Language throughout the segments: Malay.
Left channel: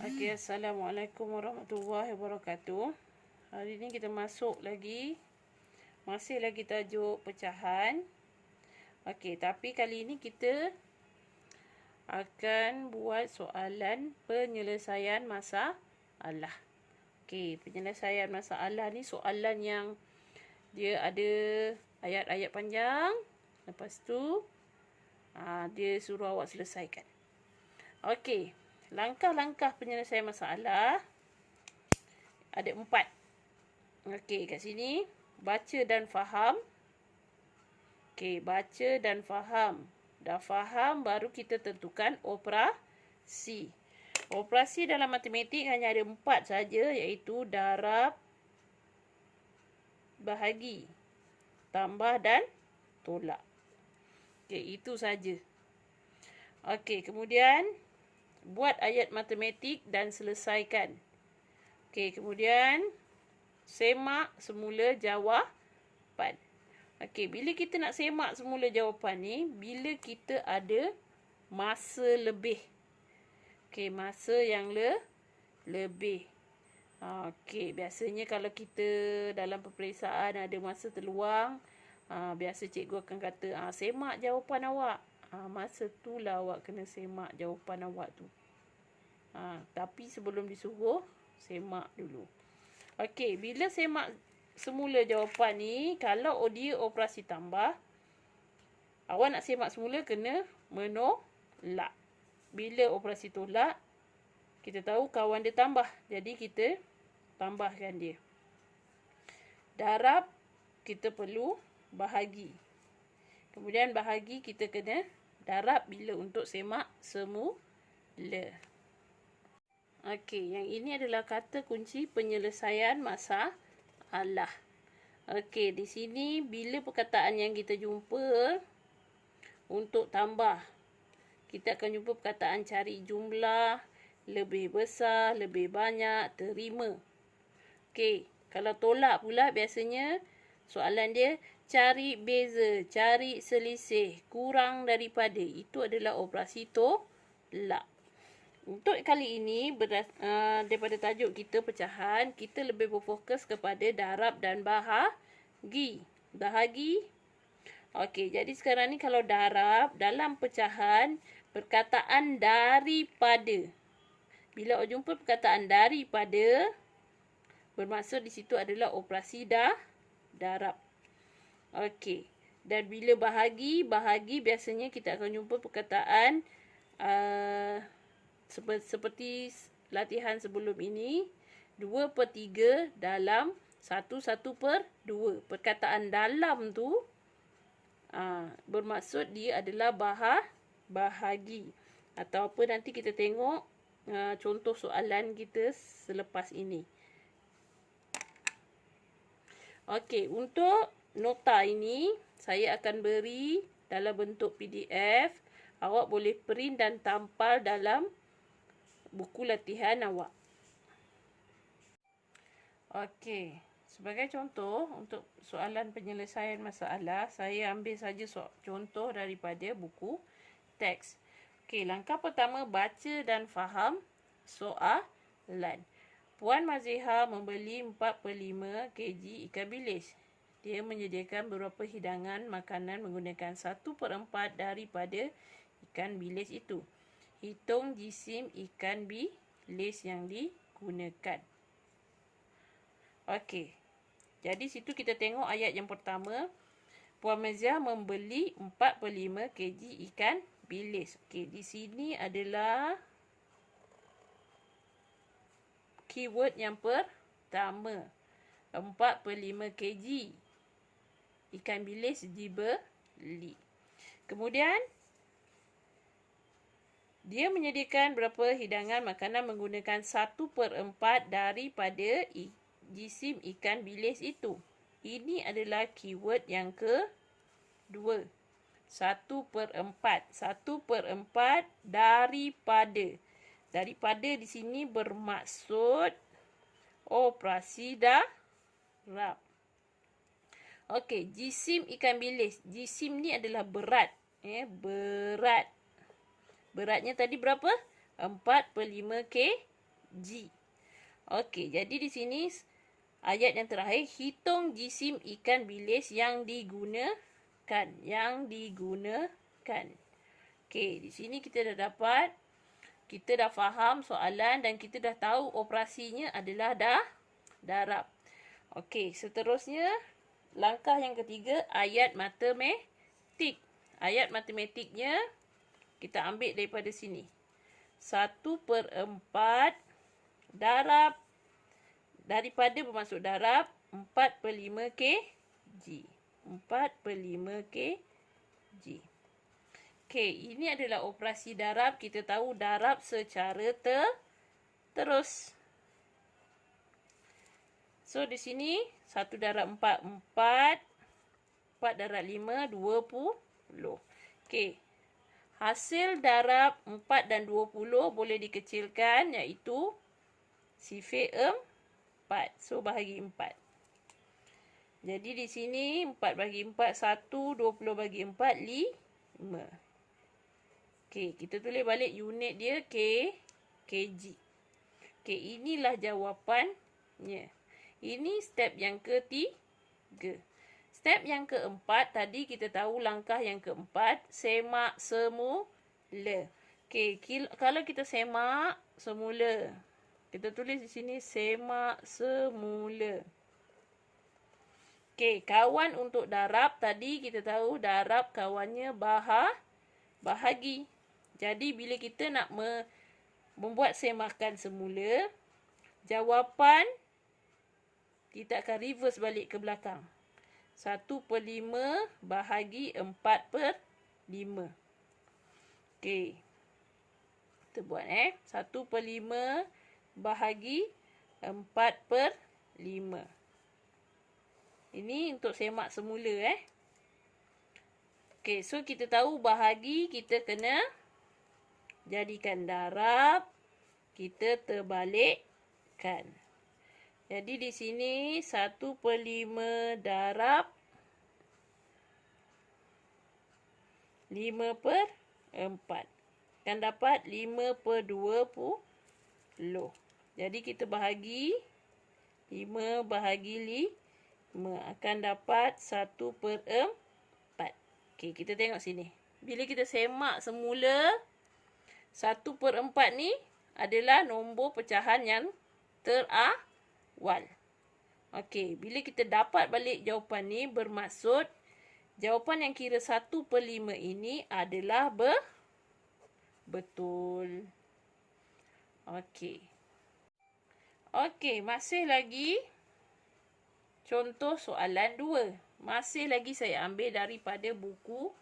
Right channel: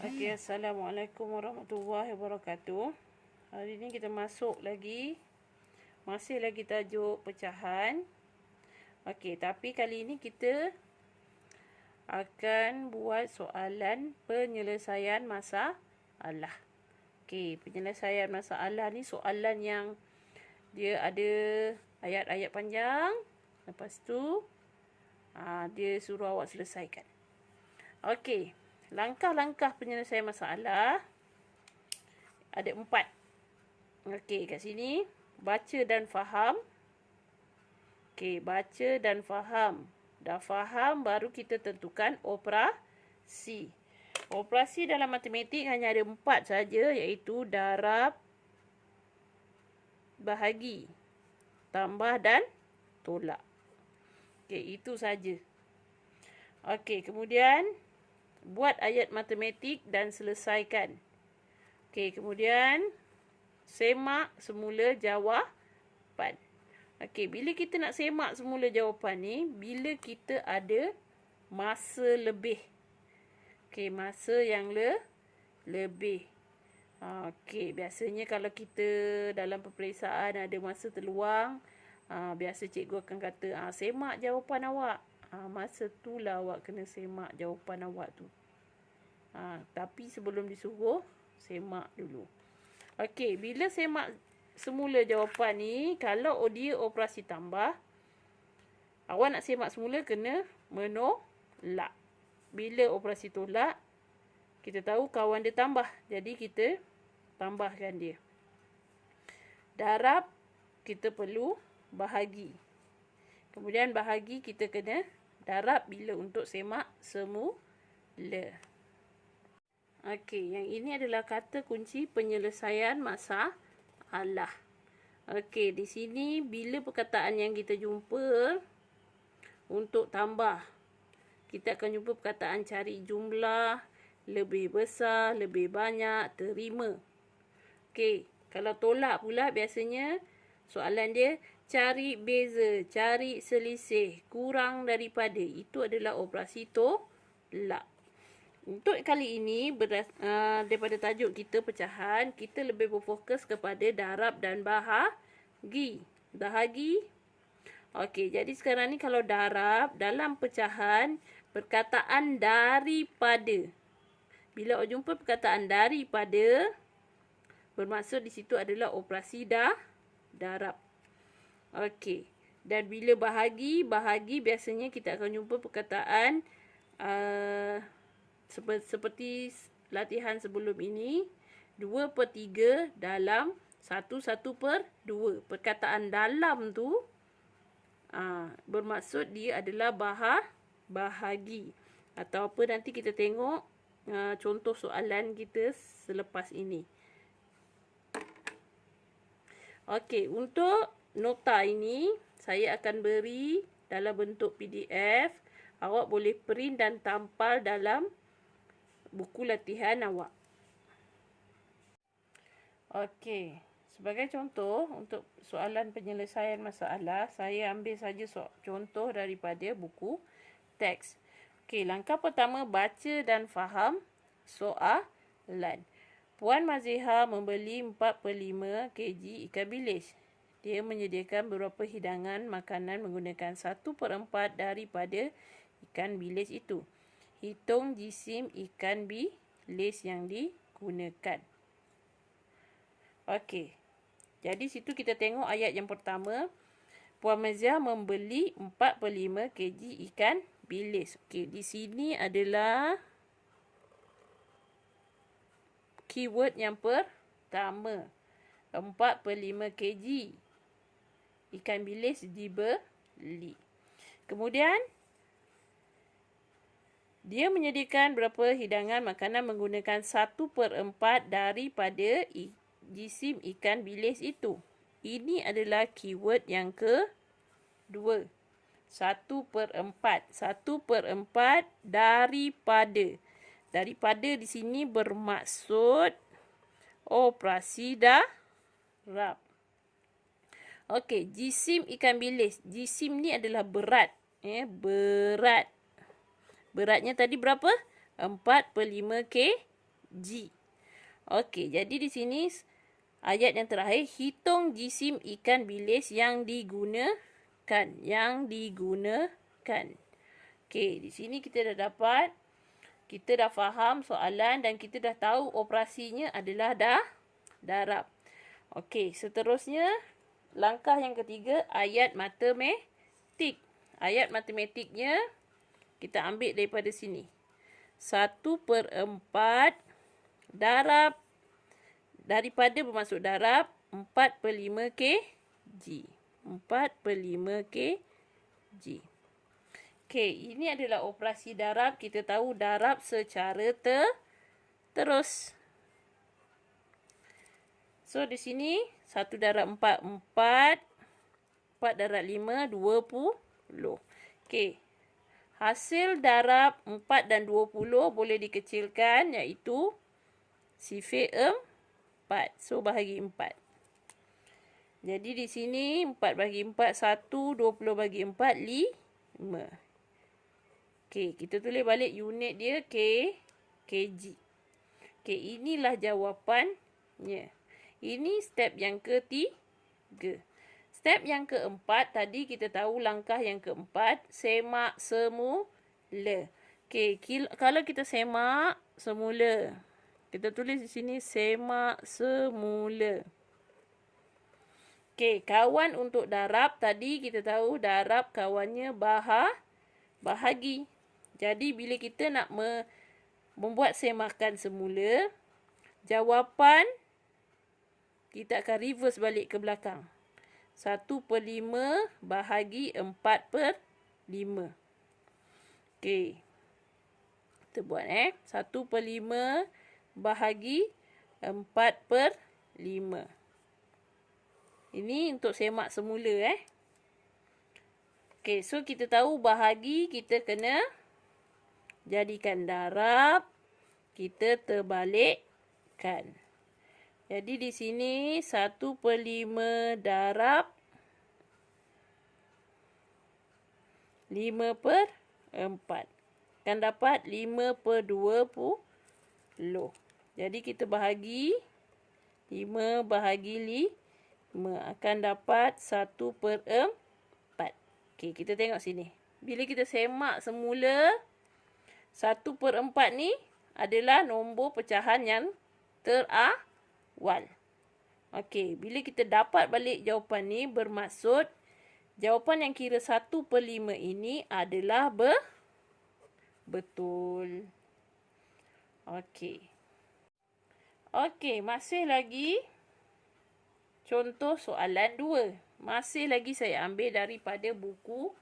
Okey, Assalamualaikum warahmatullahi wabarakatuh. Hari ni kita masuk lagi. Masih lagi tajuk pecahan. Okey, tapi kali ini kita akan buat soalan penyelesaian masalah. Okey, penyelesaian masalah ni soalan yang dia ada ayat-ayat panjang. Lepas tu dia suruh awak selesaikan. Okey. Langkah-langkah penyelesaian masalah ada 4. Okey, kat sini baca dan faham. Okey, baca dan faham. Dah faham baru kita tentukan operasi. Operasi dalam matematik hanya ada 4 saja, iaitu darab, bahagi, tambah dan tolak. Okey, itu saja. Okey, kemudian buat ayat matematik dan selesaikan. Okey, kemudian semak semula jawapan. Okey, bila kita nak semak semula jawapan ni, bila kita ada masa lebih. Okey, masa yang lebih. Okey, biasanya kalau kita dalam peperiksaan ada masa terluang, biasa cikgu akan kata, semak jawapan awak. Masa tu lah awak kena semak jawapan awak tu. Tapi sebelum disuruh, semak dulu. Okey, bila semak semula jawapan ni, kalau dia operasi tambah, awak nak semak semula kena menolak. Bila operasi tolak, kita tahu kawan dia tambah. Jadi kita tambahkan dia. Darab, kita perlu bahagi. Kemudian bahagi kita kena darab bila untuk semak semula. Okey, yang ini adalah kata kunci penyelesaian masalah. Okey, di sini bila perkataan yang kita jumpa untuk tambah, kita akan jumpa perkataan cari jumlah, lebih besar, lebih banyak, terima. Okey, kalau tolak pula biasanya soalan dia cari beza, cari selisih, kurang daripada. Itu adalah operasi tolak. Untuk kali ini, daripada tajuk kita pecahan, kita lebih berfokus kepada darab dan bahagi. Bahagi. Okey, jadi sekarang ni kalau darab, dalam pecahan, perkataan daripada. Bila awak jumpa perkataan daripada, bermaksud di situ adalah operasi darab. Okey. Dan bila bahagi biasanya kita akan jumpa perkataan seperti latihan sebelum ini, 2/3 dalam 1/2. Perkataan dalam tu bermaksud dia adalah bahagi. Atau apa, nanti kita tengok contoh soalan kita selepas ini. Okey, untuk nota ini saya akan beri dalam bentuk PDF. Awak boleh print dan tampal dalam buku latihan awak. Okey, sebagai contoh untuk soalan penyelesaian masalah, saya ambil saja contoh daripada buku teks. Okey, langkah pertama baca dan faham soalan. Puan Maziha membeli 4/5 kg ikan bilis. Dia menyediakan beberapa hidangan makanan menggunakan 1/4 daripada ikan bilis itu. Hitung jisim ikan bilis yang digunakan. Okey. Jadi situ kita tengok ayat yang pertama. Puan Maziha membeli 4/5 kg ikan bilis. Okey, di sini adalah keyword yang pertama. 4/5 kg ikan bilis dibeli. Kemudian dia menyediakan berapa hidangan makanan menggunakan 1/4 daripada jisim ikan bilis itu. Ini adalah keyword yang kedua. 1/4. 1/4 daripada. Daripada di sini bermaksud operasi darab. Okey, jisim ikan bilis. Jisim ni adalah berat. Berat. Beratnya tadi berapa? 4/5 kg. kg. Okey, jadi di sini ayat yang terakhir, hitung jisim ikan bilis yang digunakan. Okey, di sini kita dah dapat, kita dah faham soalan dan kita dah tahu operasinya adalah darab. Okey, seterusnya langkah yang ketiga, ayat matematik. Ayat matematiknya kita ambil daripada sini. 1/4 darab, daripada bermasuk darab 4/5 kg. 4/5 kg. Okey, ini adalah operasi darab. Kita tahu darab secara terus. So, di sini 1 darab 4, 4. 4 darab 5, 20. Okey. Hasil darab 4 dan 20 boleh dikecilkan, iaitu sifar 4. So, bahagi 4. Jadi, di sini 4 bagi 4, 1. 20 bagi 4, 5. Okey, kita tulis balik unit dia kg. Okey, inilah jawapannya. Ini step yang ketiga. Step yang keempat, tadi kita tahu langkah yang keempat, semak semula. Okey, kalau kita semak semula, kita tulis di sini semak semula. Okey, kawan untuk darab, tadi kita tahu darab kawannya bahagi. Jadi, bila kita nak membuat semakan semula, jawapan kita akan reverse balik ke belakang. 1/5 bahagi 4/5. Okey. Kita buat 1/5 bahagi 4/5. Ini untuk semak semula. Okey, so kita tahu bahagi kita kena jadikan darab, kita terbalikkan. Jadi di sini 1/5 darab 5/4. Akan dapat 5/20. Jadi kita bahagi 5 bahagi 5. Akan dapat 1/4. Okey, kita tengok sini. Bila kita semak semula, 1/4 ni adalah nombor pecahan yang terawal. Okey, bila kita dapat balik jawapan ni, bermaksud jawapan yang kira 1/5 ini adalah betul. Okey. Okey, masih lagi contoh soalan 2. Masih lagi saya ambil daripada buku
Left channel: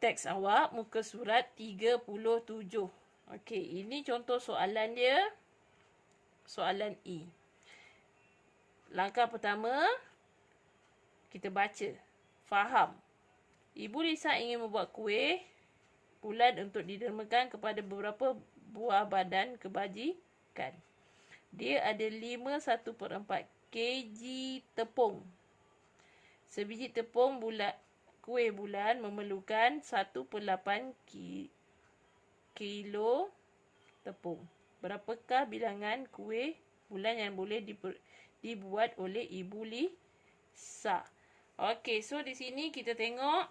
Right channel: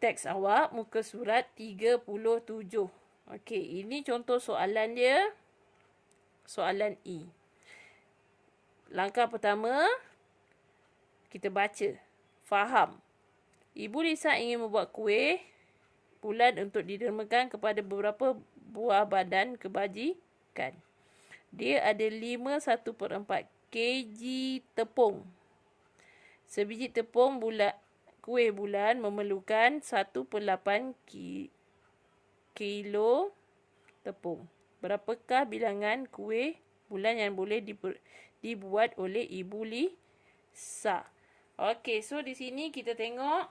teks awak, muka surat 37. Okey, ini contoh soalan dia. Soalan E. Langkah pertama, kita baca. Faham. Ibu Lisa ingin membuat kuih bulan untuk didermakan kepada beberapa buah badan kebajikan. Dia ada 5/1/4 kg tepung. Sebiji tepung kuih bulan memerlukan 1/8 kilo tepung. Berapakah bilangan kuih bulan yang boleh dibuat oleh Ibu Lisa? Okey, so di sini kita tengok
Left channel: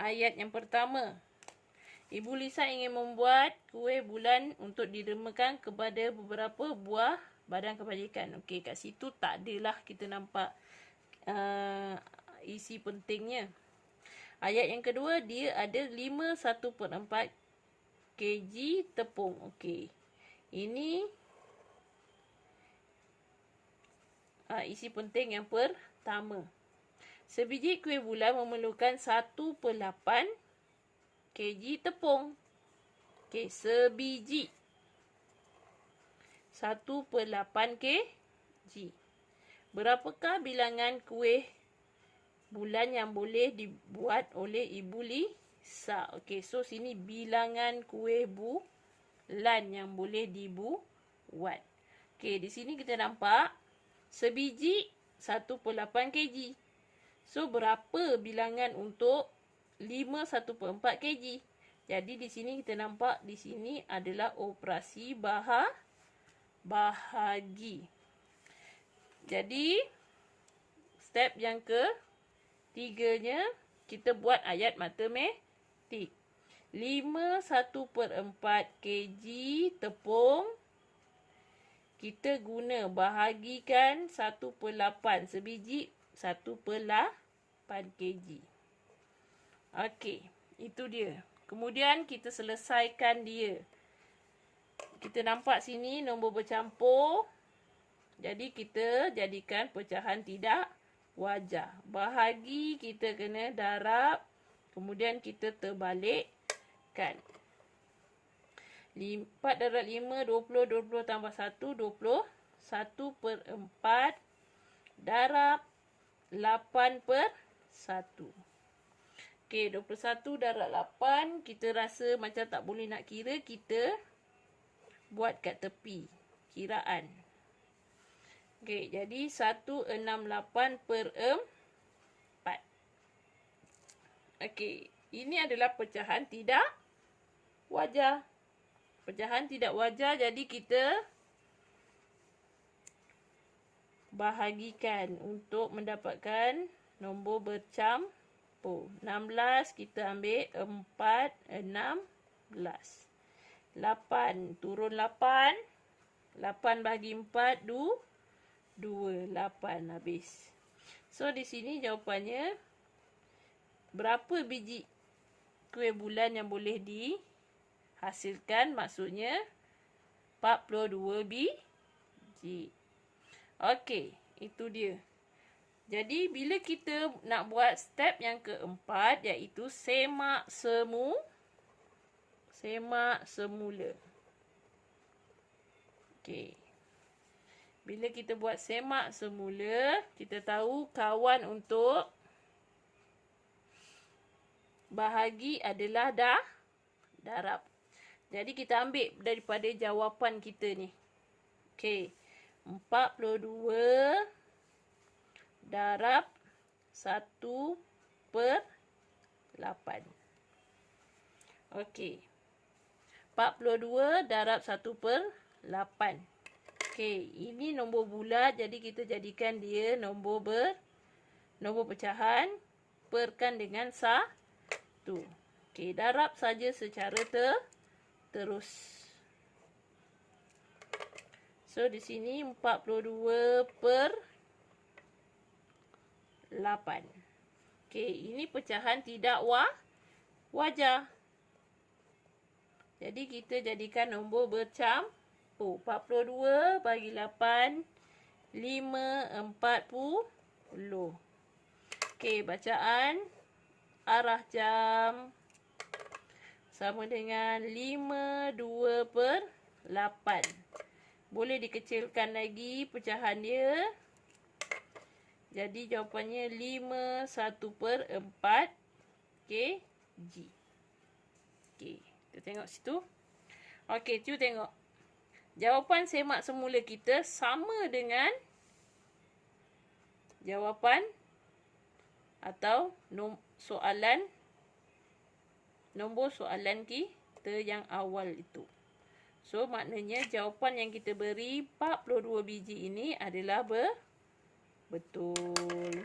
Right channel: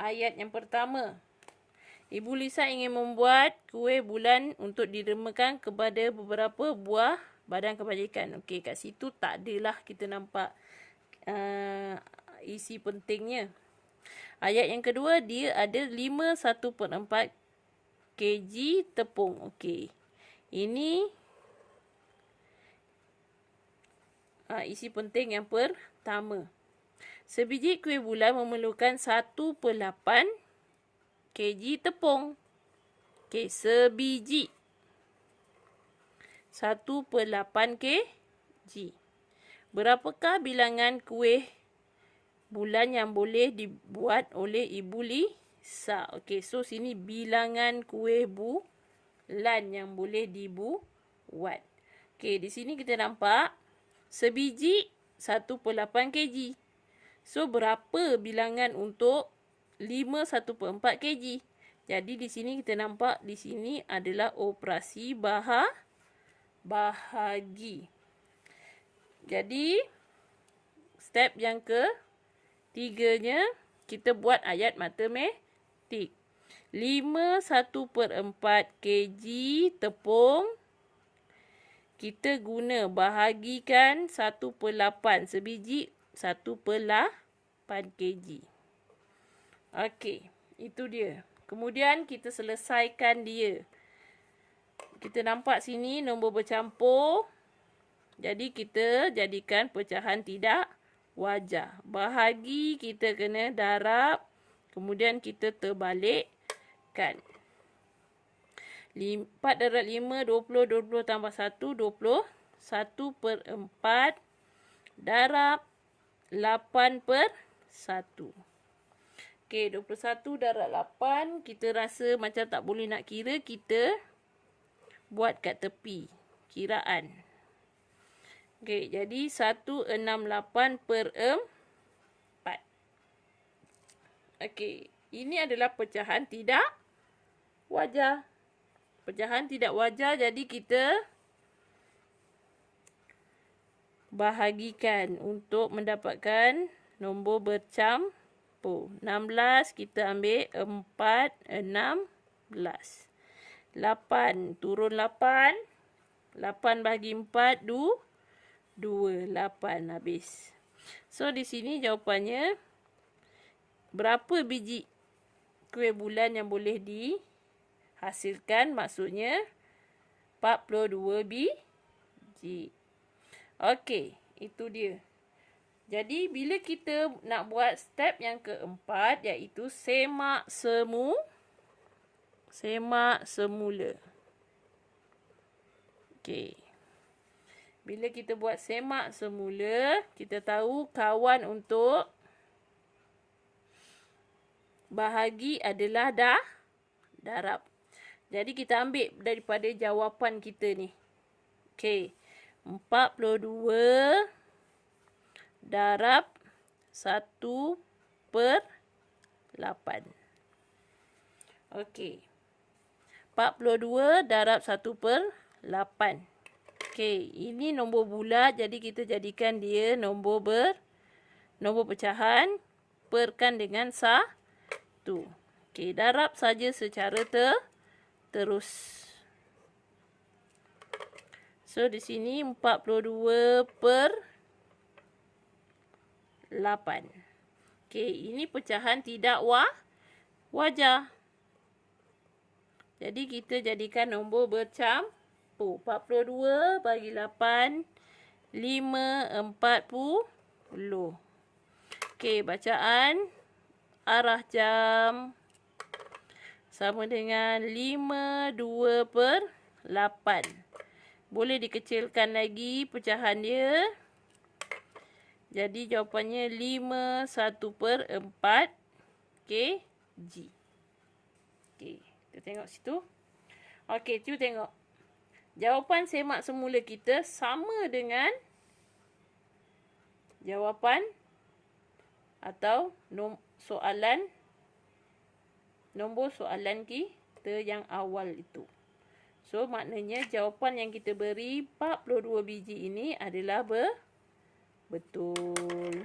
ayat yang pertama. Ibu Lisa ingin membuat kuih bulan untuk didermakan kepada beberapa buah badan kebajikan. Okey, kat situ tak adalah kita nampak isi pentingnya. Ayat yang kedua, dia ada 5/1/4 kg tepung. Okey. Ini isi penting yang pertama. Sebiji kuih bulan memerlukan 1/8 kg tepung. Okey, sebiji 1/8 kg. Berapakah bilangan kuih bulan yang boleh dibuat oleh Ibu Lisa? Okey, so sini bilangan kuih bulan yang boleh dibuat. Okey, di sini kita nampak sebiji 1/8 kg. So, berapa bilangan untuk 5/1/4 kg? Jadi di sini kita nampak di sini adalah operasi bahagi. Jadi step yang ketiganya kita buat ayat matematik. 5 1/4 kg tepung kita guna bahagikan 1/8 sebiji 1/8 kg. Okey, itu dia. Kemudian kita selesaikan dia. Kita nampak sini nombor bercampur. Jadi kita jadikan pecahan tidak wajar. Bahagi kita kena darab. Kemudian kita terbalikkan. 4 darab 5, 20. 20 tambah 1, 20. 1/4 darab 8/1. Okey, 21 darab 8. Kita rasa macam tak boleh nak kira. Kita buat kat tepi. Kiraan. Okey, jadi 168/4. Okey, ini adalah pecahan tidak wajar. Pecahan tidak wajar, jadi kita bahagikan untuk mendapatkan nombor bercampur. 16 kita ambil 4, 16. 8 turun 8. 8 bahagi 4, 2, 8 habis. So di sini jawapannya berapa biji kuih bulan yang boleh dihasilkan, maksudnya 42 biji. Okey, itu dia. Jadi bila kita nak buat step yang keempat, iaitu semak semula. Okey. Bila kita buat semak semula, kita tahu kawan untuk bahagi adalah darab. Jadi kita ambil daripada jawapan kita ni. Okey. 42 darab 1/8. Okey. 42 darab 1/8. Okey, ini nombor bulat, jadi kita jadikan dia nombor pecahan, perkan dengan 1. Okey, darab saja secara terus. So di sini 42/8. Okey, ini pecahan tidak wajar. Jadi kita jadikan nombor bercampur. 42 bagi 8, 5/40. Okey, bacaan arah jam sama dengan 5/2/8. Boleh dikecilkan lagi pecahan dia. Jadi jawapannya 5/1/4 kg. Okey, kita tengok situ. Okey, cuba tengok. Jawapan semak semula kita sama dengan jawapan atau nombor soalan kita yang awal itu. So, maknanya jawapan yang kita beri 42 biji ini adalah betul.